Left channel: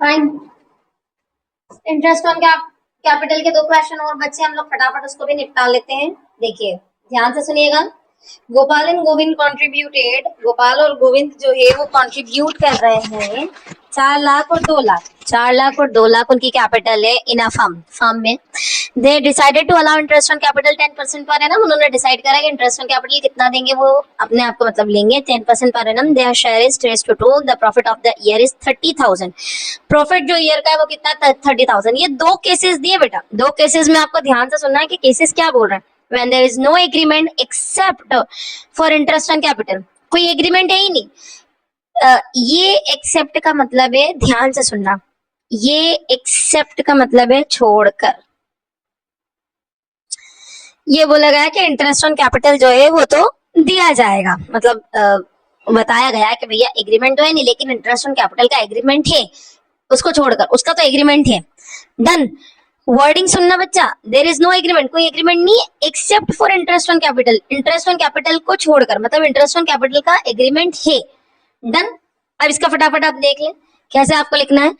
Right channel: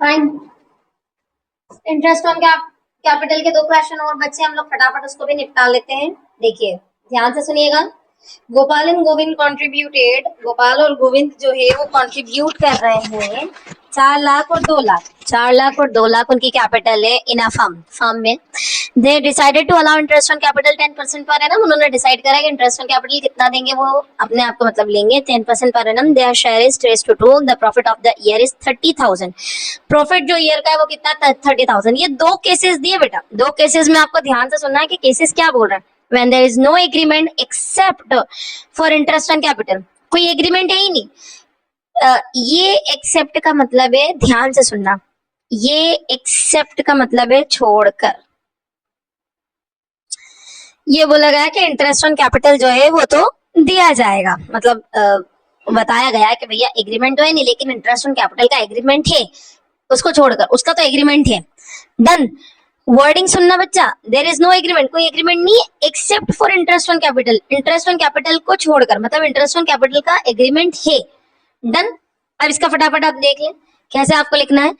Fine. Interest on capital के 2 question और बच्चे, हम लोग फटाफट उसको भी निपटा लेते हैं। देखिए ध्यान से सुनिएगा। गोपाल एंड गोविंद कॉन्ट्रीब्यूटेड, गोपाल और गोविंद जो है वो कॉन्ट्रीब्यूट कर रहे हैं 4 लाख और 2 लाख। 4 लाख और 2 लाख उनकी कैपिटल है इन अ फर्म में। They decided to allow interest on capital 10% per annum. उन्होंने डिसाइड करा कि इंटरेस्ट ऑन कैपिटल कितना देंगे, वो अपने आप को मतलब लेंगे 10% per annum. Their share is trace to 2, the profit of the year is 30,000। Profit जो ईयर का है वो कितना, 30,000। ये 2 केसेस दिए बेटा, 2 केसेस में आपको ध्यान से सुनना है कि केसेस क्या बोल रहे हैं। when there is no agreement except for interest on capital, कोई एग्रीमेंट है ही नहीं। ये एक्सेप्ट का मतलब है, ध्यान से सुनना, ये एक्सेप्ट का मतलब है छोड़कर। ये बोला गया कि इंटरेस्ट ऑन कैपिटल जो है वो तो दिया जाएगा, मतलब बताया गया है कि भैया एग्रीमेंट तो है नहीं लेकिन इंटरेस्ट ऑन कैपिटल का एग्रीमेंट है, उसको छोड़कर, उसका तो एग्रीमेंट है। डन। वर्डिंग सुनना बच्चा, देयर इज नो एग्रीमेंट, कोई एग्रीमेंट नहीं except for interest on capital, interest on capital को छोड़कर, मतलब इंटरेस्ट ऑन कैपिटल का एग्रीमेंट है। डन। अब इसका फटाफट आप देख लें कैसे आपको लिखना है।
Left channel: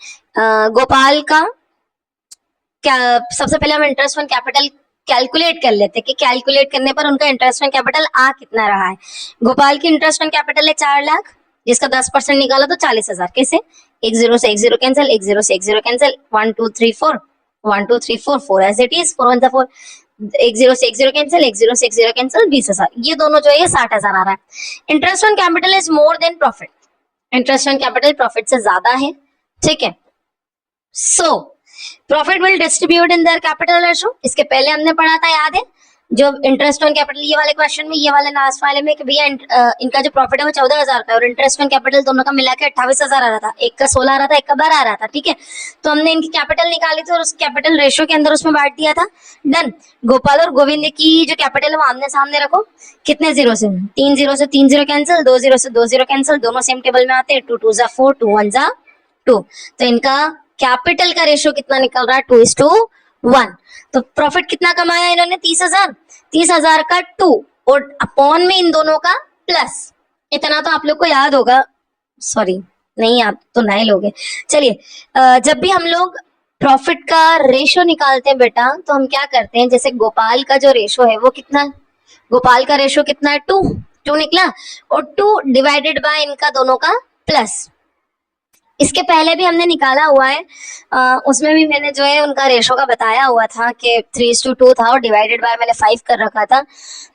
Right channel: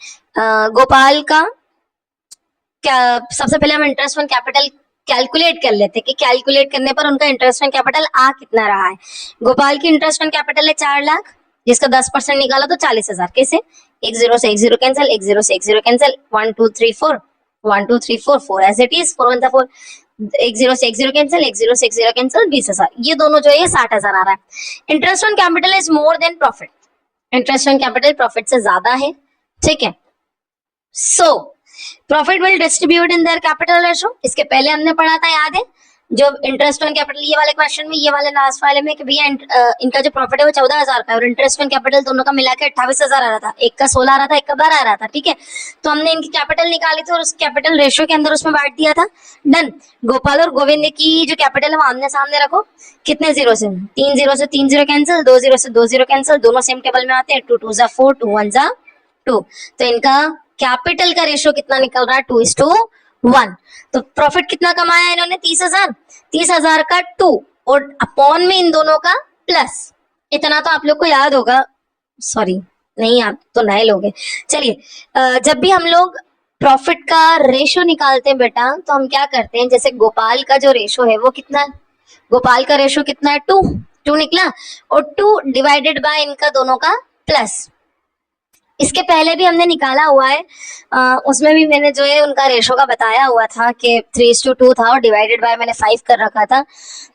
गोपाल का सबसे पहले हम इंटरेस्ट ऑन कैपिटल कैलकुलेट कर लेते कि कैलकुलेट करने पर उनका इंटरेस्ट ऑन कैपिटल आ कितना रहा है। गोपाल की इंटरेस्ट ऑन कैपिटल है 4 लाख, जिसका 10% निकाला तो 40,000। कैसे, 1 0 से 1 0 कैंसिल, 1 0 से 1 0 कैंसिल, 1 2 3 4 1 2 3 4 4 एज इट इज, 4 1 4, 1 0 से 1 0 कैंसिल, 1 0 से 1 0 कैंसिल, 20,000। ये दोनों जो है 60,000 आ रहा है। Interest on capital is more than profit, interest on capital profit से ज्यादा है, ठीक है। So profit will distribute in their capital ratio. इसके पहले हमने पढ़ा था, याद है, जो इंटरेस्ट ऑन कैपिटल ये वाले क्वेश्चन में, ये वाले लास्ट वाले में, कि भैया इनका जो प्रॉफिट है वो 14,000 का है और इंटरेस्ट ऑन कैपिटल दोनों का मिला के 28,000 आ रहा था। एक का 16 आ रहा था, एक का 12 आ रहा था, ठीक है। तो हमने इनकी कैपिटल निकाली थी और उस कैपिटल रेशो के अंदर उसमें बांट दिया था। डन। गोपाल और गोविंद की जो कैपिटल है वो आमने सामने रखो। कितने जीरो से, 3 0 से 3 0 कैंसिल, 2 0 से 2 0 कैंसिल, दोनों सेम टेबल में आते हैं, 2 2 4 2 1 2। तो इनका कैपिटल का रेशियो कितना निकल रहा है, 2:1। तो प्रॉफिट कितना कमाया इन्होंने, 30,000। 30,000 का 2 और अपॉन में इन दोनों का प्लस। इतना तो आप लोग को याद होगा, सॉरी नहीं, आप तो नए लोग हैं। चलिए, जब भी हम लोग प्रॉफिट का रेशियो निकालते हैं बेटा, तो हम क्या करते हैं, जैसे गोपाल का जो रेशियो है वो कितना है, गोपाल का रेशियो कितना है, 2 निकला, और 2 डिवाइडेड बाय इनका दोनों का प्लस। इसके पहले भी हमने निकाला हुआ है, उसमें भी मैंने जो है उनका रेशो का बताया हुआ था कि 3:2 था और डिवाइडेड बाय मैंने 5 कर रखा था,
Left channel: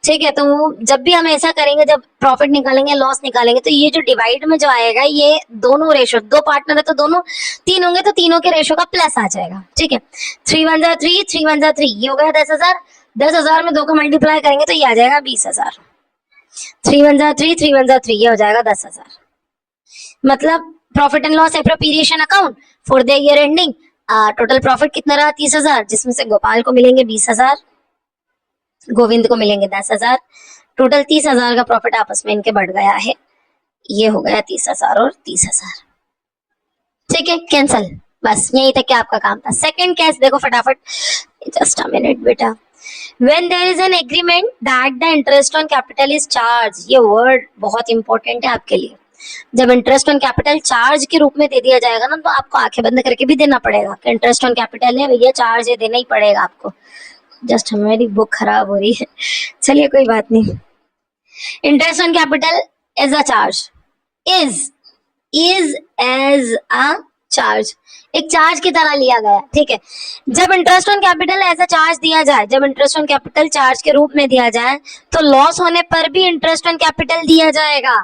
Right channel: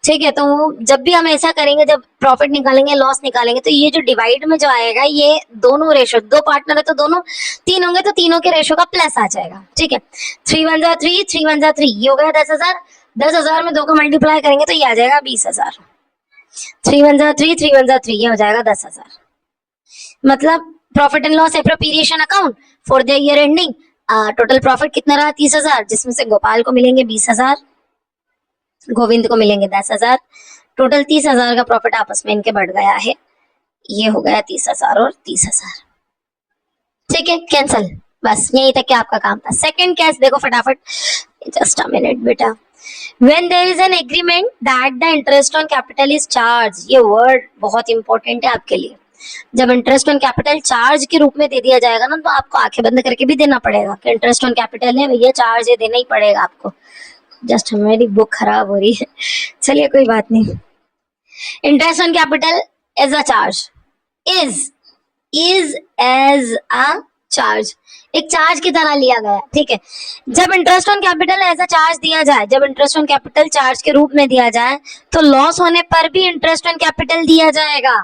ठीक है। तो जब भी हम ऐसा करेंगे, जब प्रॉफिट निकालेंगे, लॉस निकालेंगे, तो ये जो डिवाइड में जो आएगा, ये दोनों रेशो, 2 पार्टनर है तो दोनों 3 होंगे तो तीनों के रेशो का प्लस आ जाएगा, ठीक है। 3 1 3, 3 1 3, ये हो गया 10,000। 10,000 में 2 को मल्टीप्लाई करेंगे तो ये आ जाएगा 20,000। 3 1 3, 3 1 3, ये हो जाएगा 10,000। मतलब profit and loss appropriation account for the year ending, total profit कितना रहा, 30,000, जिसमें से गोपाल को मिलेंगे 20,000, गोविंद को मिलेंगे 10,000। टोटल 30,000 का प्रॉफिट आपस में इनके बढ़ गया है। ये हो गया 30,000 और 30,000, ठीक है, कैंसल। बस यही तक क्या आपका काम था। सेकंड केस देखो फटाफट, जस्ट अ मिनट बेटा। When there is an agreement that the interest on capital is charged, ये वर्ड बहुत इंपॉर्टेंट है आपके लिए। जब इंटरेस्ट ऑन कैपिटल चार्ज के रूप में दे दिया जाएगा ना, तो आपको आंखें बंद करके भी देना पड़ेगा कि इंटरेस्ट ऑन कैपिटल है भैया, चार्ज है, देना ही पड़ेगा आपको। जस्ट हमारी बुक खराब हो रही है, चलिए कोई बात नहीं। Interest on capital as a charge, is as a charge, एक चार्ज की तरह लिया गया, ठीक है। जब interest on capital as a charge दिया जाए, जब इंटरेस्ट ऑन कैपिटल चार्ज के रूप में दिया जाए, तो लॉस होने पर भी इंटरेस्ट ऑन कैपिटल दिया जाएगा।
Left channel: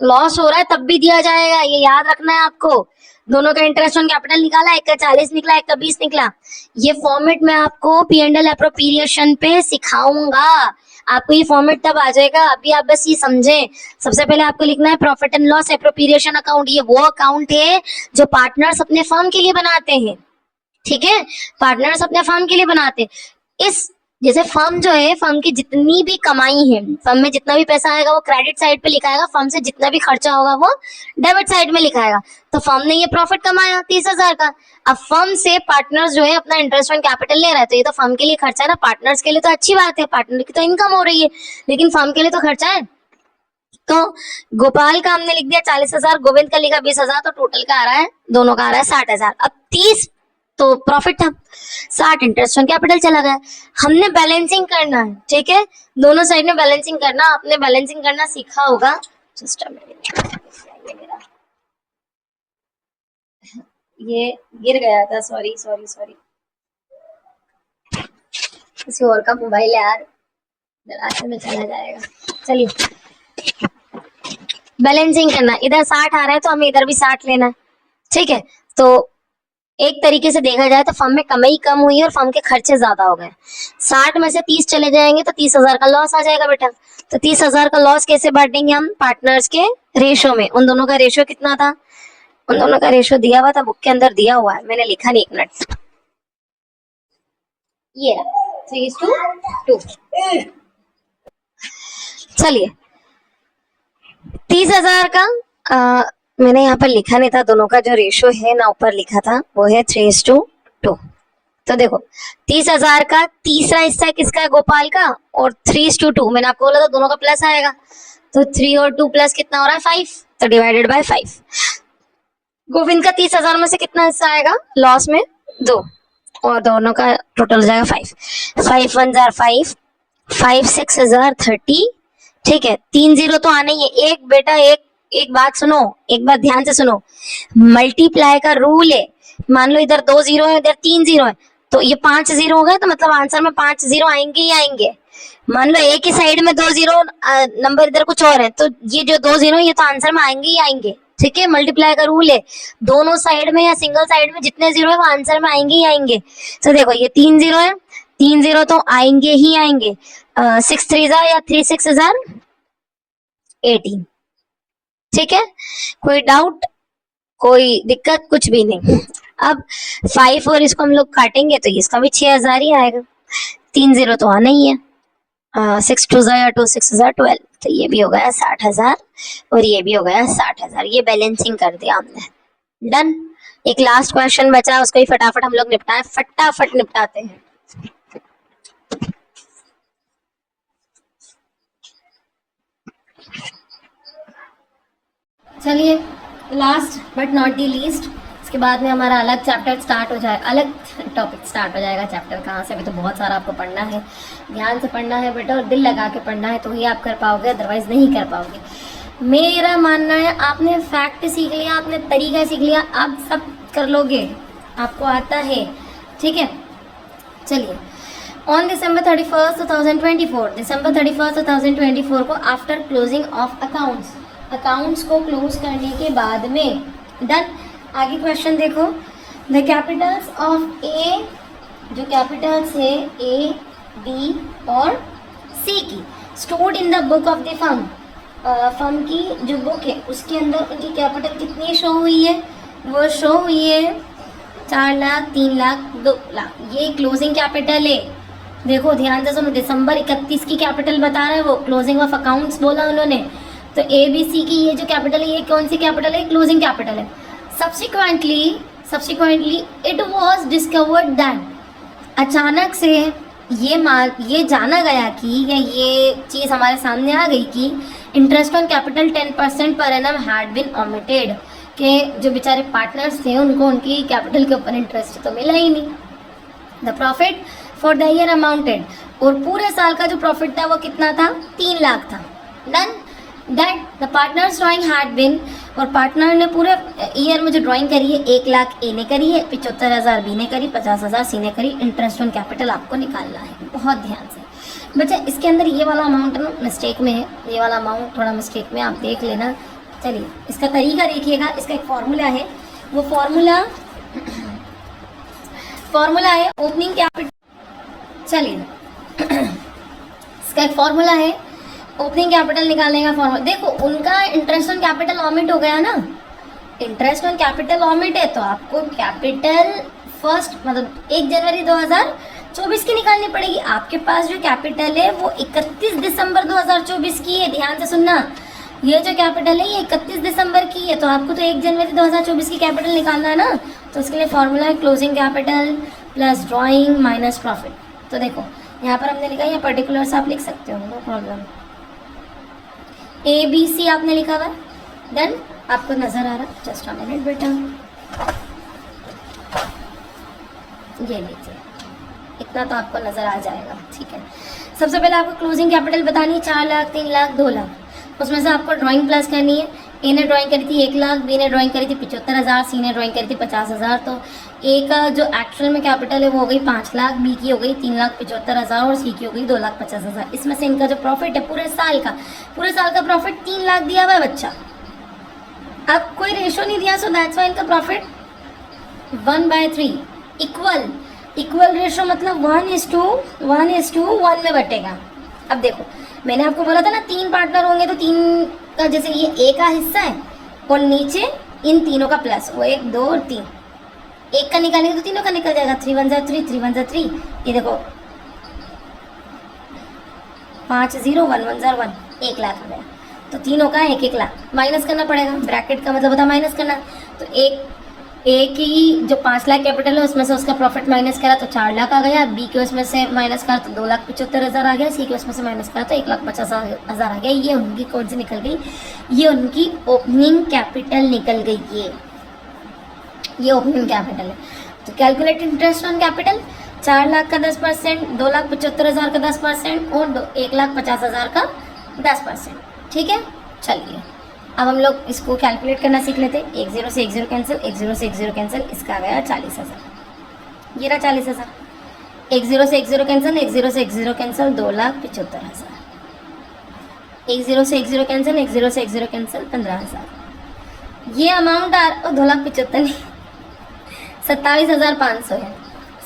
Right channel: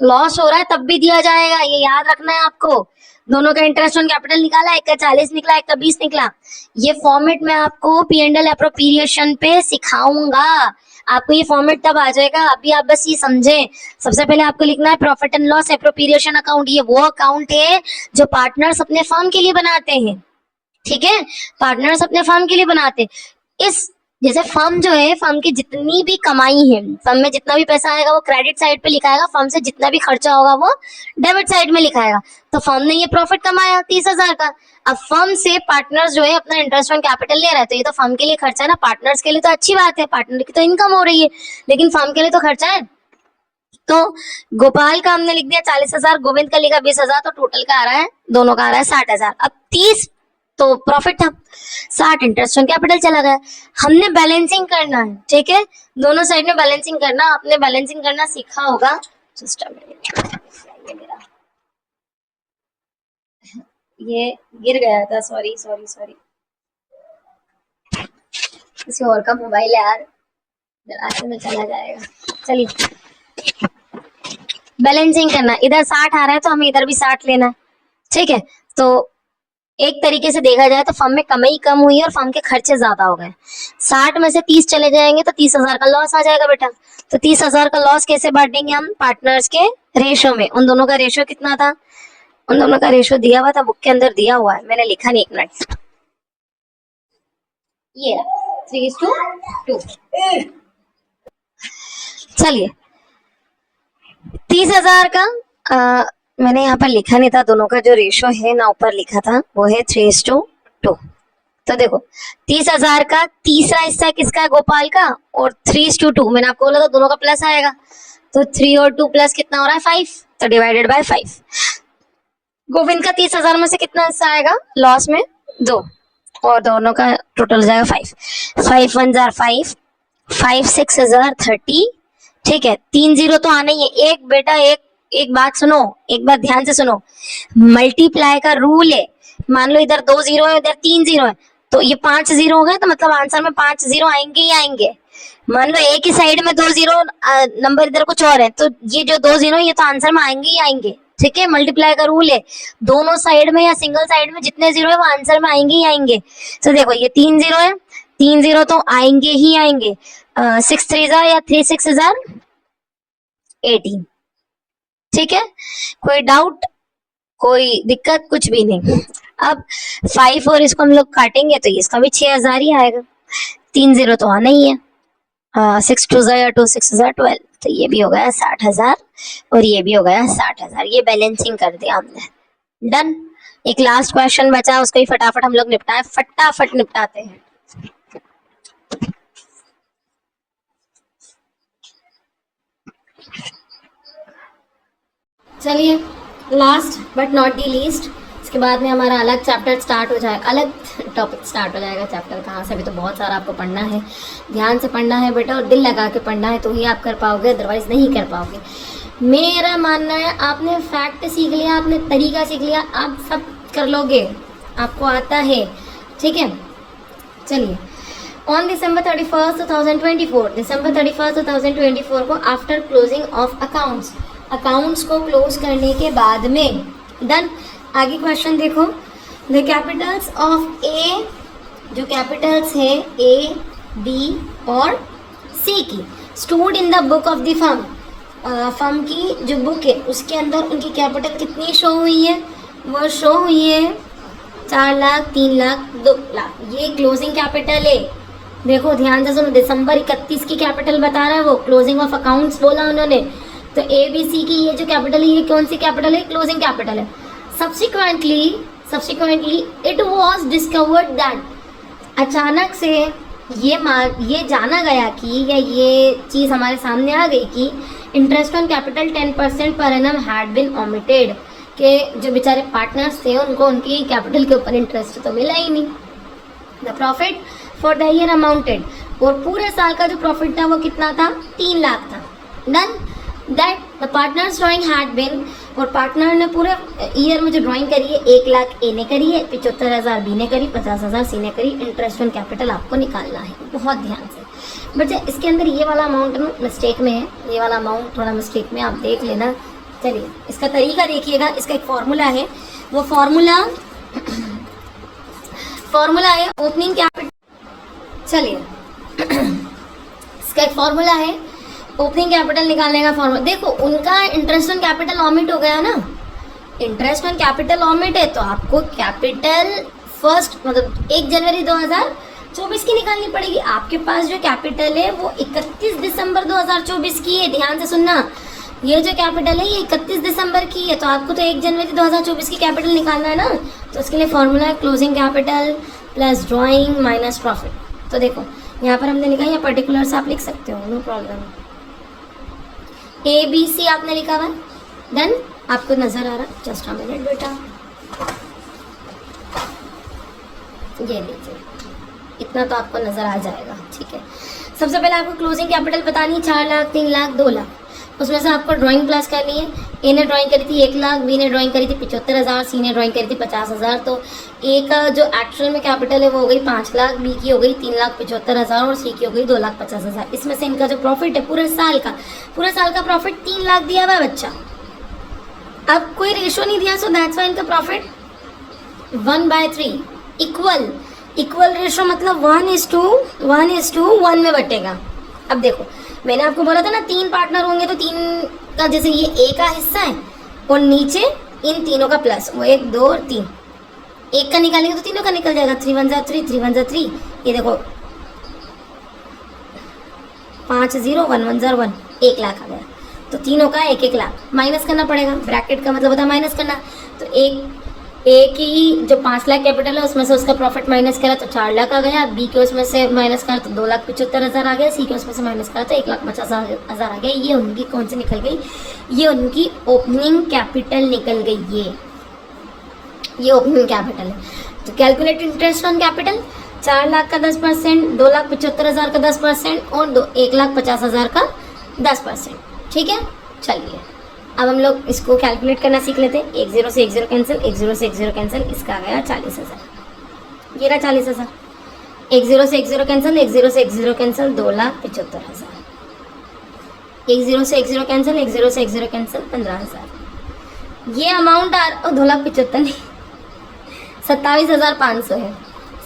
लॉस हो रहा है तब भी दिया जाएगा, ये याद रखना है आपको। दोनों का इंटरेस्ट ऑन कैपिटल निकाला, एक का 40 निकला, एक का 20 निकला। ये फॉर्मेट मैं आपको P&L एप्रोप्रिएशन पे सिखाऊंगा, आपको ये फॉर्मेट तब आ जाएगा। अभी आप बस ये समझें, सबसे पहले आपको लिखना है profit and loss appropriation account. ये वो अकाउंट है जो पार्टनर्स अपने फर्म के लिए बनाते हैं, ठीक है, पार्टनर्स अपने फर्म के लिए बनाते हैं। इस जैसे फर्म जो है, फर्म की जितनी भी कमाई है, फर्म में जितना भी पैसा आएगा वो क्रेडिट साइड पे लिखाएगा, फर्म से जितना भी खर्चा होगा वो डेबिट साइड में लिखाएगा। तो फर्म ने ये प्रॉफिट कमाया 30,000 का, अब फर्म से पार्टनर्स जो है अपना इंटरेस्ट ऑन कैपिटल ले रहे हैं, तो ये तो फर्म के लिए खर्चा है ना, पार्टनर्स के लिए तो अच्छी बात है, पार्टनर की तो इनकम हो रही है, लेकिन फर्म के लिए तो खर्चा है। तो गोपाल का हमने लिख दिया 40,000, गोविंद का लिखा 20,000, तो टोटल का आ रहा है, दोनों का आ रहा है 60,000। अब 30 तो प्रॉफिट था, 60 इंटरेस्ट ऑन कैपिटल चला गया। हमने बैलेंसिंग करना है, ठीक है, दोनों साइड में बैलेंसिंग करना। आपने बैलेंसिंग करना सीखा होगा। जस्ट ये गिर गया था, सॉरी सॉरी सॉरी, किसी और का मोबाइल है यार, रास्ते में चला जाएगा। चलिए बैलेंसिंग करना, इधर 60 आ रहा है तो हमें इधर भी 60 लेना है, ठीक है। तो एक तरीके से देखा जाए तो फर्म में कमाई कम हुई है और फर्म के खर्चे ज्यादा हो गए। 60 में से 30 चले जाएंगे तो 30,000 का लॉस आ जाएगा बेटा। तो 30,000 का लॉस कैसे बांटेंगे हम पार्टनर्स के रेशो में। उन दोनों का रेशो कितना था, उन दोनों का रेशो दिया हुआ था, बुक के अंदर दिया हुआ है, मैंने लिखा नहीं, एक मिनट, ये 3:2। चलिए 30,000 का मैंने यहाँ पर लिखा नहीं था, दोनों का जो रेशो है ना ऊपर लिखा था वो है 3:2। तो देखो 30,000 का तीसरा हिस्सा किसका है, गोपाल का, और 3:2 मैंने आपको बोला था दोनों का प्लस आएगा। तो 3 और 2 प्लस कितना हो रहा है 5, तो डिवाइडेड बाय 5। गोविंद का 30,000 में से कितना हिस्सा आएगा लॉस में, 2, और दोनों का टोटल हो जाएगा 5। 5 1 जार 5, 5 6 हजार 30, ठीक है। 3 0 तो आना ही है। एक बेटा एक बात सुनो, एक बात ध्यान से सुनो, मल्टीप्लाई का रूल है। मान लो इधर 2 0 है, इधर 3 0 है, तो ये 5 0 हो गए, तो मतलब आंसर में 5 0 आएंगे ही आएंगे। मान लो एक ही साइड में 2 0 नंबर इधर कुछ और है, तो ये जो 2 0 है ये तो आंसर में आएंगे ही आएंगे, ठीक है। मल्टीप्लाई का रूल है, दोनों साइड में या सिंगल साइड में जितने 0 है वो आंसर में आएंगे ही आएंगे। तो देखो ये 3 0 है, 3 0 तो आएंगे ही आएंगे। 6 3 जार या 3 6 जार 18, ठीक है। कोई डाउट, कोई दिक्कत, कुछ भी नहीं। अब 5 और इसको हम लोग काटेंगे तो इसका भी 6,000 ही आएगा। 3 0 तो आना ही है। 6 2 जार 2 6 जार 12, तो ये भी हो गया 60,000 और ये भी हो गया 60,000। ये बैलेंसिंग कर दिया हमने, डन। एक लास्ट क्वेश्चन बचा, उसको ही फटाफट हम लोग निपटाएं, फटाफट निपटाते हैं। चलिए last but not the least, इसके बाद में हमारा अलग चैप्टर स्टार्ट हो जाएगा, अलग टॉपिक स्टार्ट हो जाएगा। चैप्टर कहाँ से, भी तो बहुत सारा आपको पढ़ना है, ध्यान से पढ़ना है बेटा, और दिल लगा के पढ़ना है, तो ही आप कर पाओगे, अदरवाइज नहीं कर पाओगे। मेरा मानना है आपने फैक्ट सीख लिया, आपने तरीका सीख लिया, आप सब कर लोगे, आपको आता है, ठीक है। चलिए on December 31st 2024, December 31st 2024 को आफ्टर क्लोजिंग ऑफ अकाउंट्स को क्लोज करने के बाद में, डन। आगे क्वेश्चन देखो, द कैपिटल्स ऑफ ए, जो कैपिटल्स है ए बी और सी की, stored in the book of the firm, firm की जो बुक है उसके अंदर उनकी कैपिटल कितनी शो हुई है, वो शो हुई है 4 लाख 3 लाख 2 लाख, ये क्लोजिंग कैपिटल है। देखो ध्यान से सुनो, दिसंबर 31 की कैपिटल बता रहा है वो, क्लोजिंग ऑफ अकाउंट्स बोला उन्होंने, तो ए बी सी की ये जो कैपिटल है ये कौन सी कैपिटल है, क्लोजिंग कैपिटल है। Subsequently it was discovered that, अचानक से ये जाना गया कि, या ये चीज़ हमारे सामने आ गई कि interest on capital 10% per annum had been omitted, के जो बेचारे पार्टनर्स थे उनको उनकी कैपिटल के ऊपर इंटरेस्ट तो मिला ही नहीं। The profit for the year amounted, और पूरे साल का जो प्रॉफिट था वो कितना था, 3 लाख था, done. That the partners drawing had been, और पार्टनर ने पूरे ईयर में जो ड्राइंग करी है 1 लाख ए ने करी है, 75,000 बी ने करी, 50,000 सी ने करी। इंटरेस्ट ऑन कैपिटल आपको निकालना है, बहुत ध्यान से बच्चे। इसके अंदर ये वाला अमाउंट मिस्टेक में है, ये वाला अमाउंट थोड़ा मिस्टेक में, आप देख लेना। चलिए इसका तरीका देखिएगा, इसका एक फॉर्मूला है, वो फॉर्मूला है ओपनिंग कैपिटल। चलिए इसका एक फॉर्मूला है ओपनिंग कैपिटल निकालने का फॉर्मूला। देखो उनका इंटरेस्ट ऑन कैपिटल ऑमिट हो गया ना, इंटरेस्ट ऑन कैपिटल ऑमिट है, तो आपको कैपिटल फर्स्ट मतलब 1 जनवरी 2024 की निकालनी पड़ेगी। आपके पास जो कैपिटल है वो 31 दिसंबर 2024 की है, ध्यान से सुनना, ये जो कैपिटल है ये 31 दिसंबर की है, तो आपको तो 1 जनवरी 2024 की कैपिटल निकालना है ना, तो उसके लिए फॉर्मूला है closing capital plus drawing minus profit. तो देखो यहाँ पर हमने लिखा है, या पर्टिकुलर से आप लिख सकते हो, नो प्रॉब्लम। ABC आपने लिखा हुआ है, देन आपको नजर आ रहा है, जस्ट अ मिनट बेटा, ये लीजिए, इतना तो आपको नजर आ जाएगा, ठीक है। सबसे पहले आपको क्लोजिंग कैपिटल बतानी है 4 लाख, 3 लाख, 2 लाख। उसमें से आपको ड्राइंग क्लास करनी है। ए ने ड्राइंग करी थी 1 लाख, बी ने ड्राइंग करी थी 75,000, सी ने ड्राइंग करी थी 50,000। तो ए का जो एक्चुअल में कैपिटल है वो हो गई 5 लाख, बी की हो गई 3,75,000 और सी की हो गई 2,50,000। इसमें से इनका जो प्रॉफिट है पूरे साल का प्रॉफिट 3 लाख दिया हुआ है बच्चा। अब कोई रेशो नहीं दिया, सो दैट्स व्हाई इनका प्रॉफिट 1/3 इक्वल रेशो, मतलब 1:1 में बटेगा। अब देखो मैंने आपको बोला था ना 3 पार्टनर होंगे, तो 3 का जैसे ये ए का हिस्सा है और नीचे इन तीनों का प्लस, वो 1 2 और 3, एक का निकालेंगे तो तीनों का निकल जाएगा। 3 1 3, 3 1 3, ये देखो 5 0 1 1 1, 1 लाख आ गया। तो तीनों का 1 लाख माइनस करना पड़ेगा, ब्रैकेट का मतलब होता है माइनस करना। तो एक ही जो 5 लाख कैपिटल है उसमें से उसका प्रॉफिट माइनस करा तो 4 लाख आ गया, बी के उसमें से माइनस करा तो 2,75,000 आ गया, सी के उसमें से माइनस करा तो 1,50,000 आ गया। ये उनकी कौन सी निकल गई, ये उनकी ओपनिंग कैपिटल निकल गई। ये ओपनिंग कैपिटल है। तो calculate interest on capital, 4 lakh का 10%, 2,75,000 का 10% और 1,50,000 का 10%, ठीक है। चलिए अब हम लोग इसको कैलकुलेट करना सीख लेते हैं। 1 0 से 1 0 कैंसिल, 1 0 से 1 0 कैंसिल, इसका आ गया 40,000, ये रहा 40,000। 1 0 से 1 0 कैंसिल, 1 0 से 1 0 कैंसिल, 2,75,000। 1 0 से 1 0 कैंसिल, 1 0 से 1 0 कैंसिल, 15,000। ये अमाउंट 2,75,000 नहीं 27,500 है।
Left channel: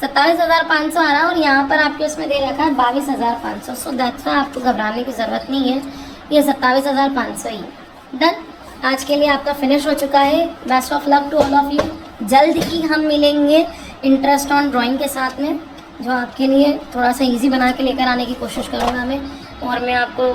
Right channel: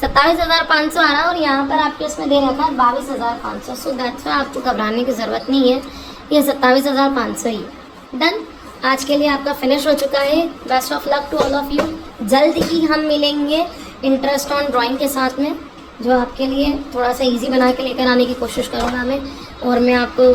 27,500 आ रहा और यहाँ पर आपके उसमें दे रखा है 22,500। सो दैट्स व्हाई आपको घबराने की ज़रूरत नहीं है, ये 27,500 ही। डन, आज के लिए आपका फिनिश हो चुका है। Best of luck to all of you. जल्द ही हम मिलेंगे इंटरेस्ट ऑन ड्राइंग के साथ में, जो आपके लिए थोड़ा सा इजी बना के लेकर आने की कोशिश करूँगा मैं। और मैं आपको